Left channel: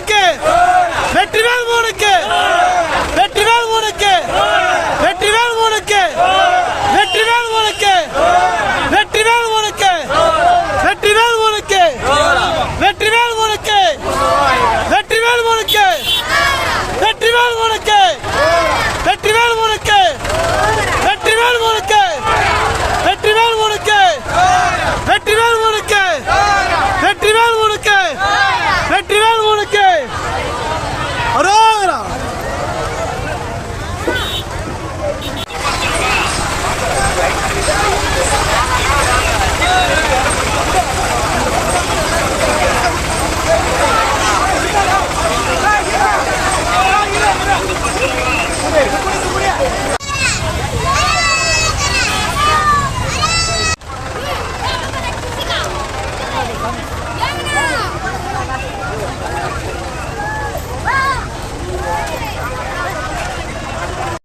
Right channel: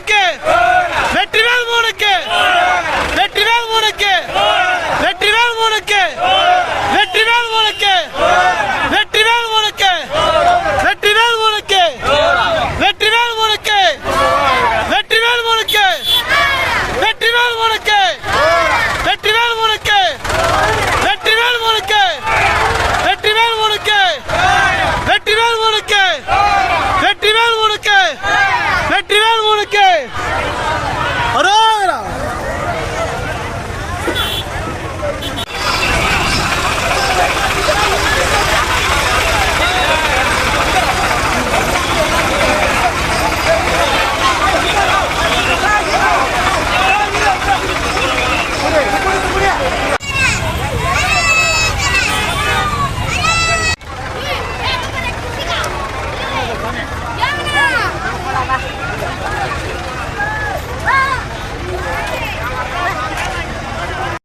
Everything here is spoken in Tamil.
மூணுக்கு வெற்றிவேல் மூணுக்கு வெற்றிவேல் மூணுக்கு வெற்றிவேல் மூணுக்கு வெற்றிவேல் மூணுக்கு வெற்றிவேல் மூணுக்கு வெற்றிவேல் மூணுக்கு வெற்றிவேல் மூணுக்கு வெற்றிவேல் மூணுக்கு வெற்றிவேல் மூணுக்கு வெற்றிவேல் மூணுக்கு வெற்றிவேல் மூணுக்கு வெற்றிவேல் மூணுக்கு வெற்றிவேல் மூணுக்கு வெற்றிவேல் மூணுக்கு வெற்றிவேல் மூணுக்கு